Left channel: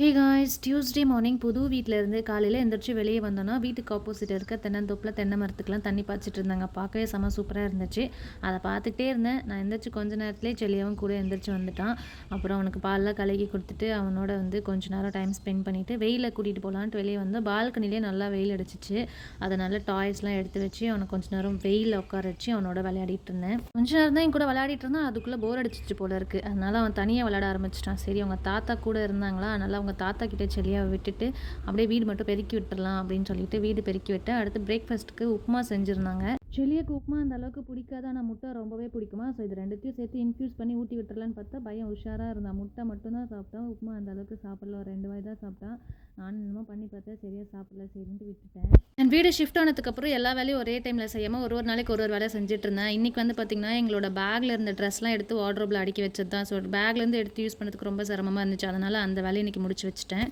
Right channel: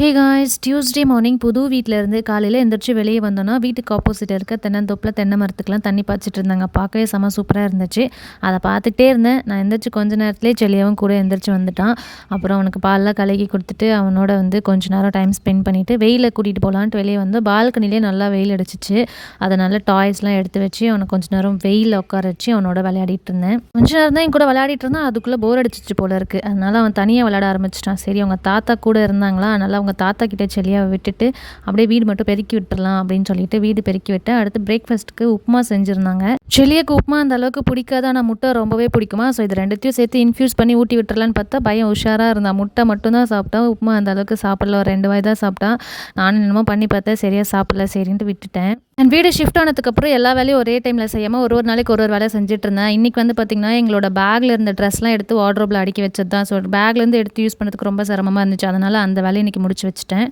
Hey guys, Tuesday morning புது வீட்டிலேருந்து காலையில் எந்திரிச்சு வெளியே வந்தோன்னா வீட்டுக்கு ஆப்போசிட் இருக்க தென்னந்தோப்பில் தென்னை மரத்துக்குலாம் தண்ணி பாய்ச்சிட்டு இருந்தாங்க. பார்க்கவே செம சூப்பராக இருந்துச்சு. அதை பார்த்துக்கிட்டே இருந்தேன். நான் எந்திரிச்சு கொஞ்ச நேரத்துலேயே செல்லியாவும் கூட எந்திரிச்சு வந்துட்டான். அப்புறம் அவனுக்கு பால்லாம் கலக்கி கொடுத்துட்டு அவனோட வந்து கொஞ்ச நேரம் டைம் ஸ்பெண்ட் பண்ணிவிட்டு வெயிலில் கூட்டிகிட்டு போகலான்ட்டு வெளியே வந்து பால்கனிலே நல்லா வெயில் அடிச்சிச்சு. அதனால் டாய்ஸ்லாம் எடுத்து வச்சு அவனை கொஞ்ச நேரம் வெயிலில் உட்கார வச்சு அவனோட விளையாடிட்டு இருந்தேன். கொஞ்ச நேரம் தான் என் கூட விளையாடிட்டு இருந்தான். அதுக்குள்ளே போர் அடிச்சிச்சு போல இருக்குது. அதனால் அவன் தனியாக விளையாட ஆரம்பிச்சிட்டான். சரி, அவங்க தாத்தா கூட இருந்தாங்களா, அதனால் அவங்க தாத்தா கிட்ட செல்லியாவை விட்டுட்டு அப்படியே வீடு மட்டும் பெருக்கி விட்டுறலாம் அப்படின்னு சொல்லிட்டு வீடு பெருக்கி விட்டேன். அடுத்து பிரேக்ஃபாஸ்ட்டுக்கு உப்புமா செஞ்சுருந்தாங்க. செல்லியாக்கு உப்புமா அந்த அளவுக்கு பிடிக்காது, ஆனால் முட்டை ரொம்பவே பிடிக்குமா. ஸோ இது ரெண்டுத்தையும் சேர்த்து இன்ஃப்யூஸ் பண்ணி ஊட்டி விட்டுறலான்னு பார்த்தா பையன் உஷாராக இருந்தான். முட்டை மட்டும்தான் சாப்பிட்டா, உப்புமா அந்த அளவுக்கு சாப்பிடல. ஒரு 2 வாய் தான் சாப்பிட்டான். நானும் என்னமோ பண்ணி பார்த்தேன், சரியாக சாப்பிடல, சரின்ட்டு விட்டுட்டேன். என் வீடு ஷிஃப்ட் ஆனதுக்கப்புறம் எல்லா வேலையும் ஒரே டைமில் செய்யாமல் ஒரு நாளைக்கு ஒரு வேலை செஞ்சுட்டு இருந்தேன். இன்றைக்கி வந்து பார்த்திங்கன்னா எங்களோட பேக்கில் இருந்த ட்ரெஸ்லாம் எடுத்து வார்ட்ரோபில் அடுக்கி வச்சது தான். ஸோ பேக்லேருந்து எடுத்து யூஸ் பண்ணுறதுக்கு ரொம்ப சிரமமாக இருந்துச்சு. அதனால் அந்த வேலையை இன்றைக்கி முடிச்சு வச்சுட்டேன்.